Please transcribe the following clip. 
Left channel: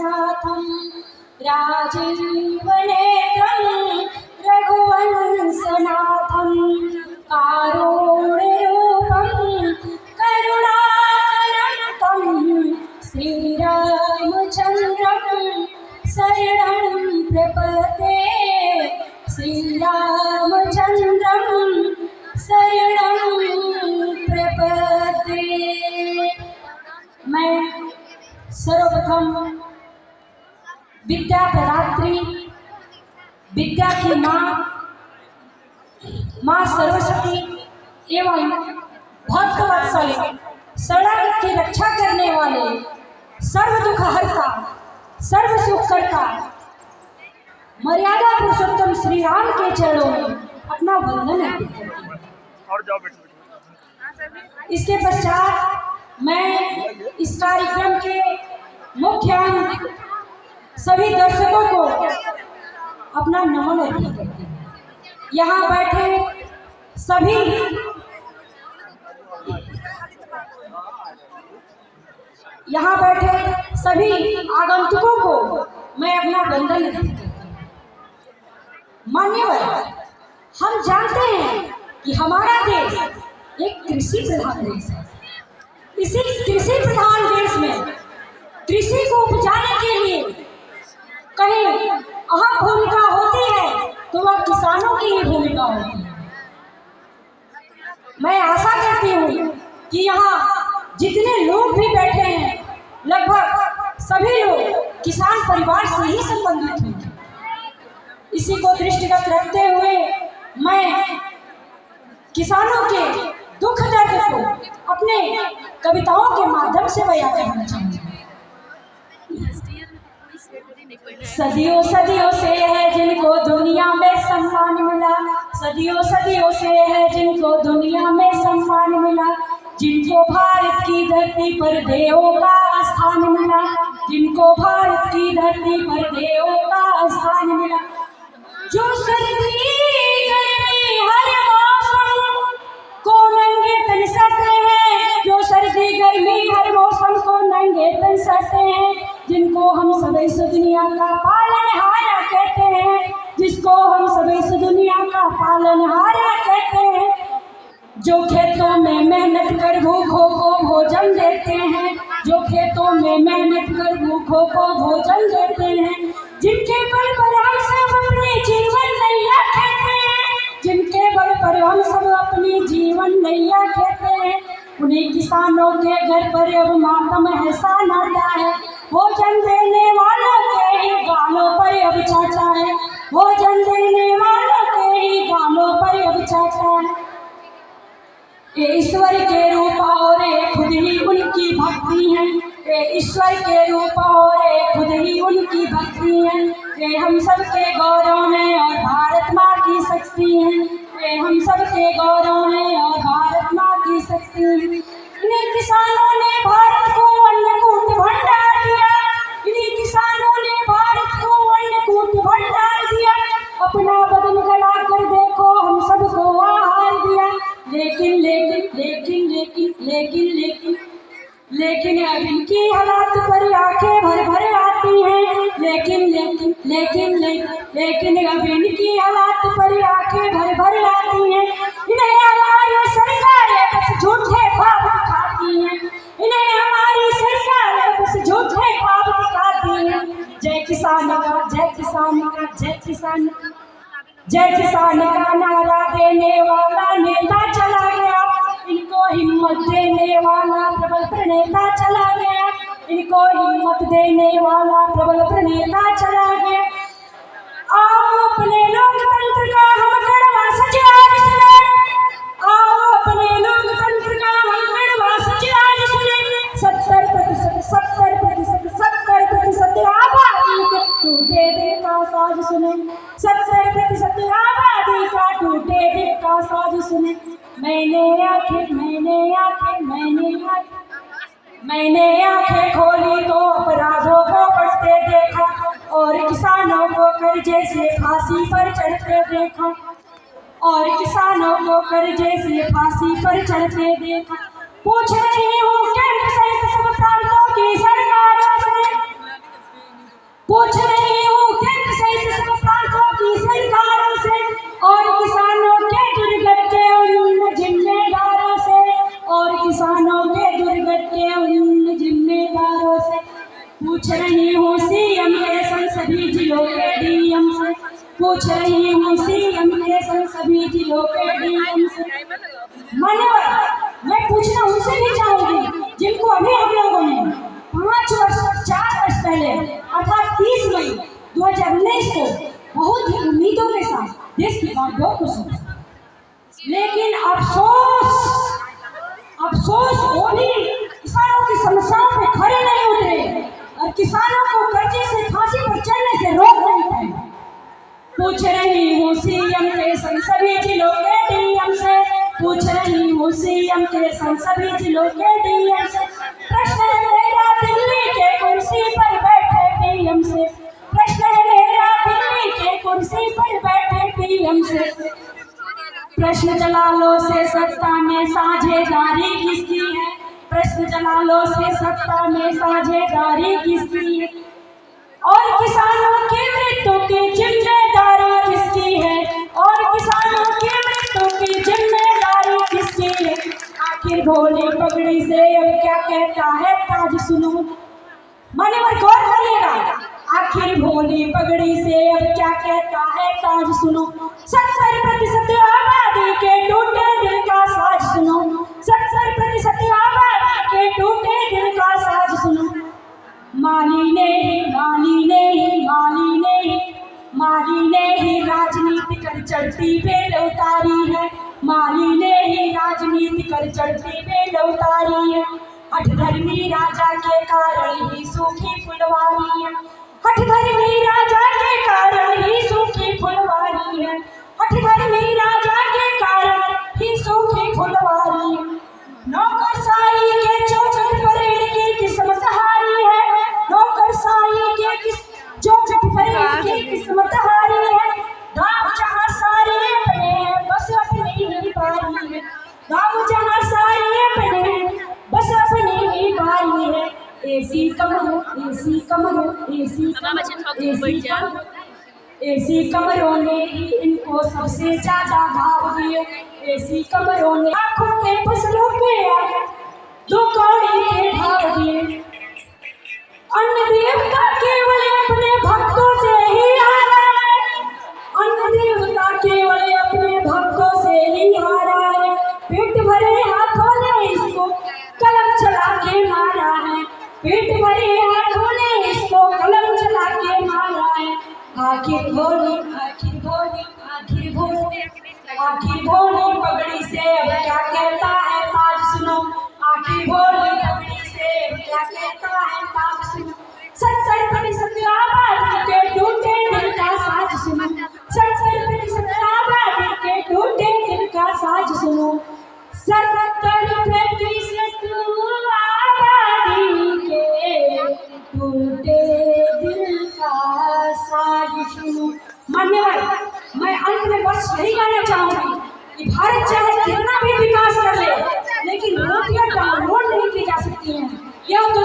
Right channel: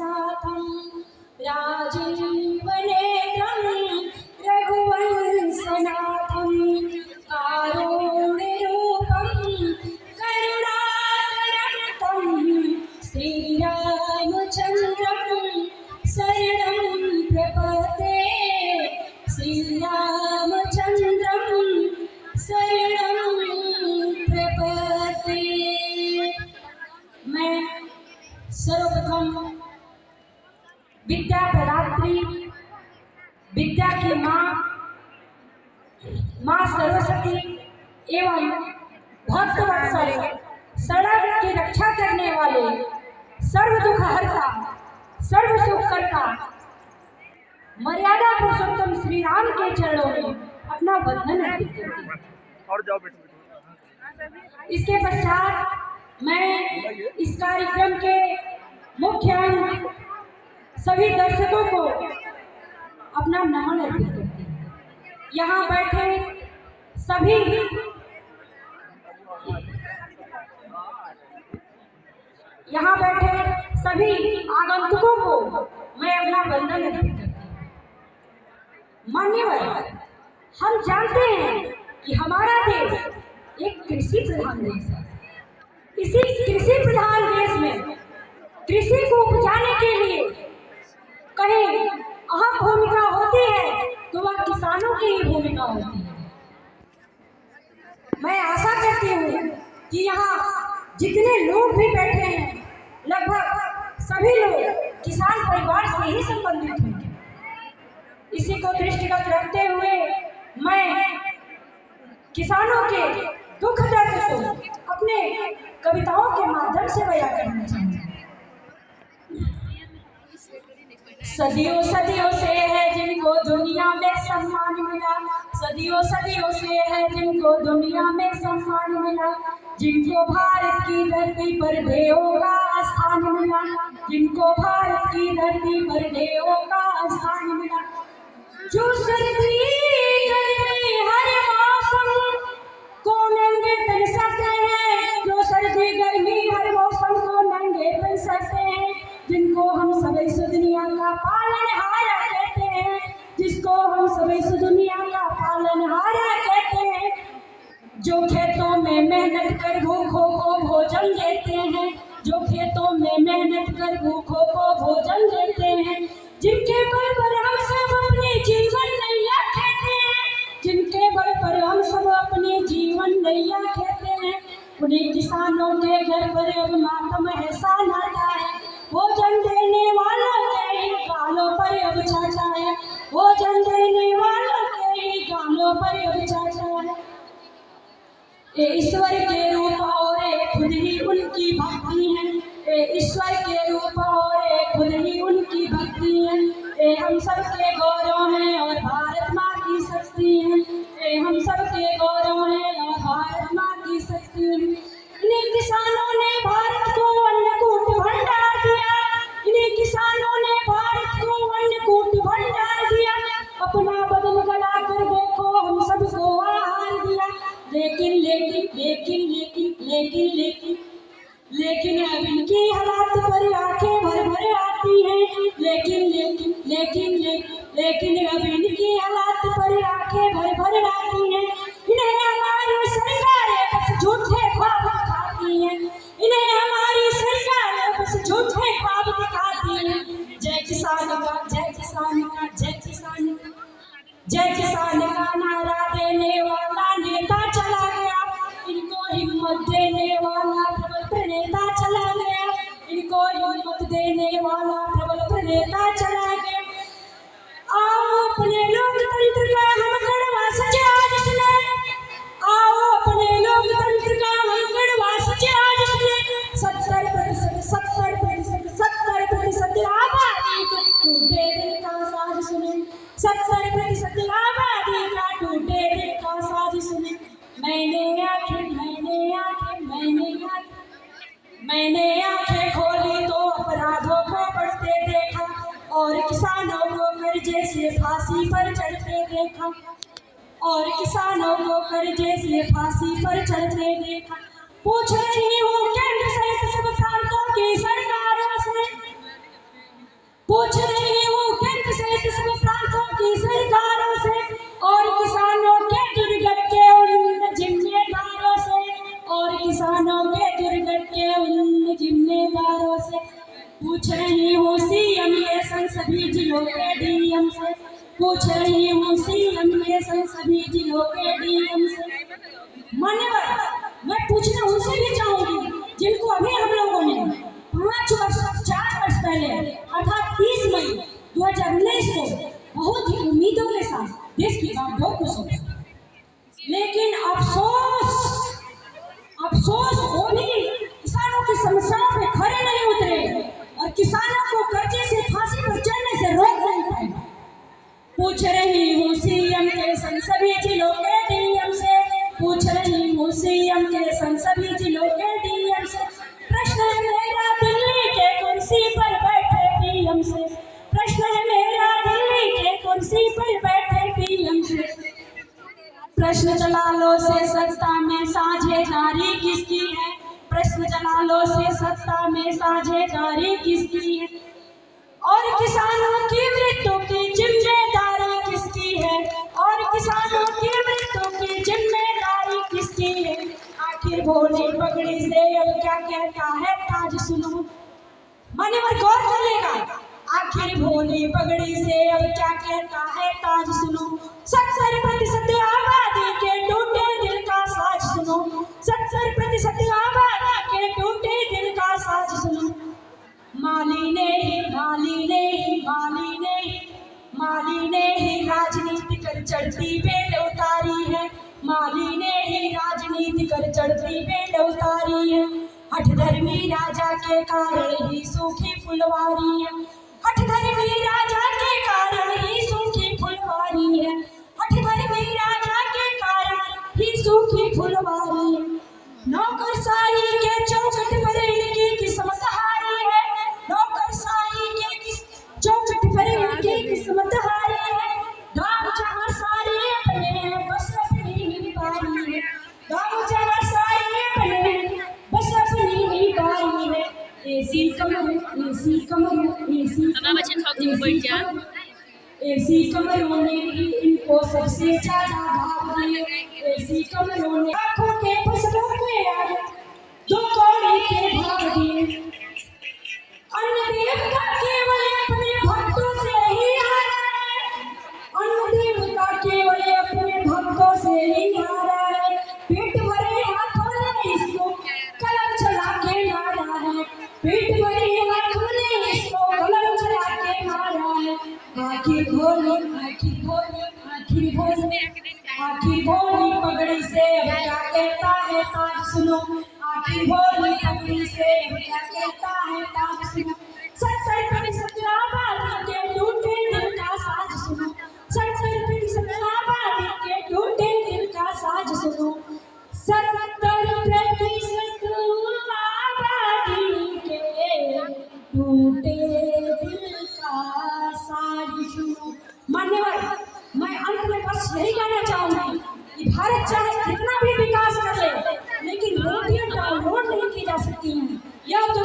रघुवंशनाथं राजीवनेत्रं रघुवंशनाथं कारुण्यरूपं करुणाकरं श्रीरामचन्द्रं शरणं प्रपद्ये श्रीरामचन्द्रं शरणं प्रपद्ये। मैं सर्वप्रथम विद्या प्रदात्री विद्या की माँ सरस्वती एवं भक्तवत्सल शरणागत की रक्षा करने वाले सर्व दुख हरता सर्व सुख करता मर्यादा पुरुषोत्तम श्री राम के चरणों में अपना वंदन अर्पित करती हूँ। इसके पश्चात मैं इस कार्यक्रम के मुख्य अंग सभी दर्शकों को अपना नमन अर्पित करती हूँ। यहाँ बैठे सभी आगंतुकों को मैं अपना वंदन अर्पित करती हूँ। मान्यवर, हम जानते हैं कि हमारा देश एक कृषि प्रधान देश है। इसी कृषि प्रधान देश में कृषि को उपजाने के लिए कहीं अहम भूमिका होती है तो वह किसानों की ही भूमिका होती है। मैं आशा करती हूँ कि यहाँ जितने लोग भी बैठे हैं लगभग सभी लोग किसान परिवार से ही संबंधित हैं। इसी को दृष्टिगत रखते हुए मैं किसानों के दुख दर्द को अपने कविताओं के माध्यम से बयां करना चाहूँगी। सदियों सदियों से है जिनको दुनिया में सम्मान मिला, सदियों सदियों से है जिनको दुनिया में सम्मान मिला, जिनको भारत की धरती पर देवों का स्थान मिला, जिनको भारत की धरती पर देवों का स्थान मिला। जो सर्दी गर्मी हर मौसम को नंगे तन सकते हैं, जो सर्दी गर्मी हर मौसम को नंगे तन सकते हैं, जिनको हम सब इस दुनिया का पालनहार कहते हैं, जिसको हम सब इस दुनिया का पालनहार कहते हैं, जो खेतों में मेहनत कर भूखों को भोजन देते हैं, जो खेतों में मेहनत कर भूखों को भोजन देते हैं, जिनके बल पर हम सब अपने जीवन नैया कहते हैं, जिनके बल पर हम सब अपनी जीवन नैया कहते हैं, उन्हीं किसानों के घर पर अब मातम ऐसा नाता है, भोजन देने वालों के ही गालों पर अब चाचा है, भोजन देने वालों के ही गालों पर अब चाचा है। ये ईश्वर के रूप और खुद ही उनकी भक्ति है, ये ईश्वर के रूप और खुद ही उनकी भक्ति है, ये हम सब के गौरव हैं और भारत माँ की शक्ति है, ये हम सब के गौरव हैं और भारत माँ की शक्ति है। इन्हीं किसानों ने भारत को अन्नकूट भंडार दिया, इन्हीं किसानों ने भारत को अन्नकूट भंडार दिया, अपना बदन गला कर देखो हम सबको आहार दिया। लेकिन लेकिन लेकिन लेकिन लेकिन लेकिन लेकिन अब इनकी हालात पर आंखें भर भर आती हैं, लेकिन लेकिन लेकिन लेकिन अब इनकी हालात पर आंखें भर भर आती हैं। इन्हें हमारी सरकारें बस झूठे ख्वाब दिखाती हैं, इन्हें हमारी सरकारें बस झूठे ख्वाब दिखाती हैं। जय किसान का जय किसान का जय किसान का जय किसान का नारा देने वाला नेता चला गया, इनको हिम्मत देने वाला प्रबल प्रणेता चला गया, इनको हिम्मत देने वाला प्रबल प्रणेता चला गया। आओ अपने लोकतंत्र का हम कड़वा सच आज सुने, आओ अपने लोकतंत्र का हम कड़वा सच आज सुने। 70% आबादी के टूटे दिल का साज सुने, 70% आबादी का टूटे दिल का साज सुने। मैंने आंखें खोली तो अपराधों को बढ़ते देखा और किसानों को कर्जे से फांसी पर चढ़ते देखा, और किसानों को कर्जे से फांसी पर चढ़ते देखा। पूछ रही हूँ केंद्र सहित सब प्रांतों की सरकारों से, पूछ रही हूँ सीएम के संग सभी जिलों के डीएम से, पूछ रही हूँ सीएम के संग सभी जिलों के डीएम से। मान्यवर, मैं पूछना उनसे भी चाहूंगी जिनको अभी हम लोगों ने 4 वर्ष पहले अर्थात 30 मई 2019 को बहुत ही उम्मीदों के साथ देश की बागडोर को सौंपा, लेकिन अफसोस वो भी किसानों की समस्याओं पे खड़े नहीं उतरे और किसानों को कर्जे से फांसी पर चढ़ने से रोक नहीं पाए। पूछ रही हूँ सीएम के संग सभी जिलों के डीएम से, पूछ रही हूँ सीएम के संग सभी जिलों के डीएम से। प्रश्न है मेरा दिल्ली के कुर्सी पर बैठे पीएम से, प्रश्न है मेरा दिल्ली के कुर्सी पर बैठे पीएम से। प्रश्न जलालो से सत्ता में साझेदारी किसकी है, प्रश्न जलालो से सत्ता में साझेदारी किसकी है, और किसानों की मृत्यु की जिम्मेदारी किसकी है, और किसानों की मृत्यु की जिम्मेदारी किसकी है। आखिर भोली पगड़ी से अब क्या कहता है ताज सुनो, मान्यवर गौर करिएगा, आखिर भोली पगड़ी से अब क्या कहता है ताज सुनो। 70% आबादी के टूटे दिल का साज सुनो, 70% आबादी के टूटे दिल का साज सुनो। माली ने ही राजनीति कर चढ़ती बेल उतारी है, माली ने ही राजनीति कर चढ़ती बेल उतारी है। हठधर्मी राजा के कारण ही सूखी फुलवारी है, हठधर्मी राजा के कारण ही सूखी फुलवारी है, हठधर्मी राजा के कारण ही सूखी फुलवारी है। नौकरशाही के चौखट पर इनकी किस्मत हारी है, नौकरशाही के चौखट पर इनकी किस्मत हारी है। गाँव जहाँ सारे अपने हैं बस अपनी ही बारी है, गाँव जहाँ सारे अपने हैं बस अपनी ही बारी है। एसी कमरों ने ही इनको सबसे ज्यादा भाव दिए, एसी कमरों ने आंखों के फसलों के आगे 2 कौड़ी के भाव दिए। अन्न देवता केवल अपने भक्तों से ही हारा है, अन्न देवता केवल अपने भक्तों से ही हारा है। पेट भरे हाथों ने इसको कलम चला के मारा है, पेट भरे हाथों ने इसको कलम चला के मारा है। आखिर भोली पगड़ी से अब क्या कहता है ताज सुनो, आखिर भोली पगड़ी से अब क्या कहता है ताज सुनो। 70% आबादी के टूटे दिल का साज सुनो, 70% आबादी के टूटे दिल का साज सुनो। 70% आबादी के टूटे दिल का साज सुनो। मान्यवर, मैं अंत में बस यही कहना चाहूंगी कि भारत चाहे कितना भी विकास कर ले, लेकिन रोटियां डाउनलोड नहीं की जा सकती हैं। यह तो